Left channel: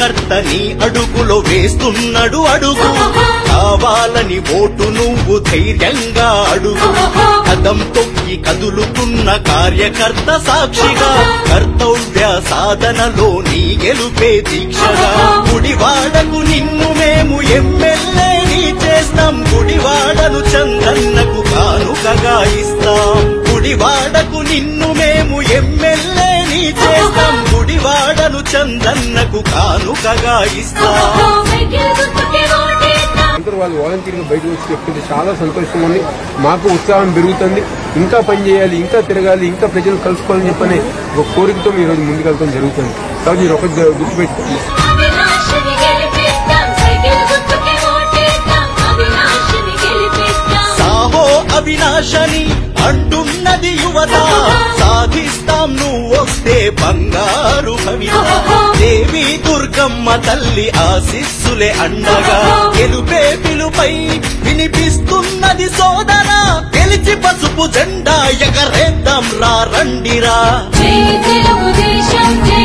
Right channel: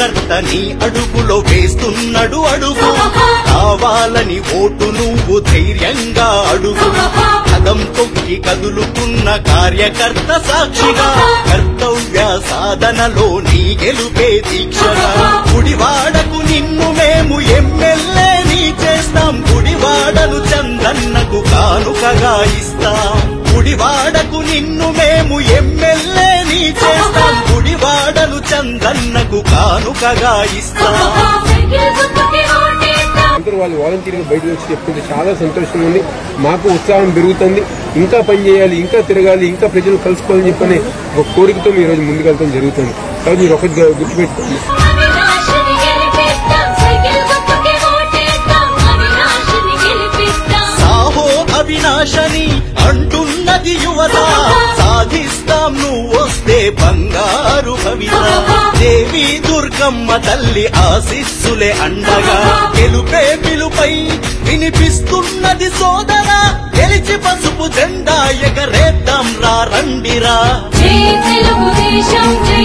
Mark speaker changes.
Speaker 1: కార్యకర్త నీ అడుగులో వేస్తున్నాడు అడుగు. కావాలని ఓటు నువ్వు ధైర్యంగా అడుగు. కదం తొక్కి కదులుతున్న కార్యకర్త సాక్షిగా. కర్తవ్య సాధనలో నీ గెలుపే దీక్షగా. గుడివాడకు నిన్ను మేము ఎమ్మెల్యే నీ చేస్తాం. గుడివాడను చందన్నకు కానుకగా ఇస్తాం. గుడివాడకు నిన్ను మేము ఎమ్మెల్యే నీ చేస్తాం. చందన్నకు కానుకగా ఇస్తాం.
Speaker 2: అందరూ వాళ్ళు వాలంటీర్గా బయటకు వచ్చి చెప్తుంటే చాలా సంతోషంగా ఉంది. మాకు ఉత్సాహం పెరుగుతుంది. ఇంకా పని చేయాలి ఇంకా తిరగాలి ఇంకా ప్రజలు కలుసుకోవాలని చెప్పని ఒక కోరికతో ఈ రోజు ముందుకెళ్తాం జరుగుతుంది. కాబట్టి మీరు ఒకటి గుర్తుపెట్టుకోండి.
Speaker 1: అంటున్నది యువత. సాధిస్తాం నువ్వు వస్తే బంగారు కవిత. అమ్మ తల్లి ఆశిస్సులే అండగా. గెలుపే పిలుపై వినిపిస్తున్నది సోదర. గెలిచి పసుపు జెండా ఎగరేద్దాం రా రండిరా.
Speaker 3: జై తెలుగుదేశం జై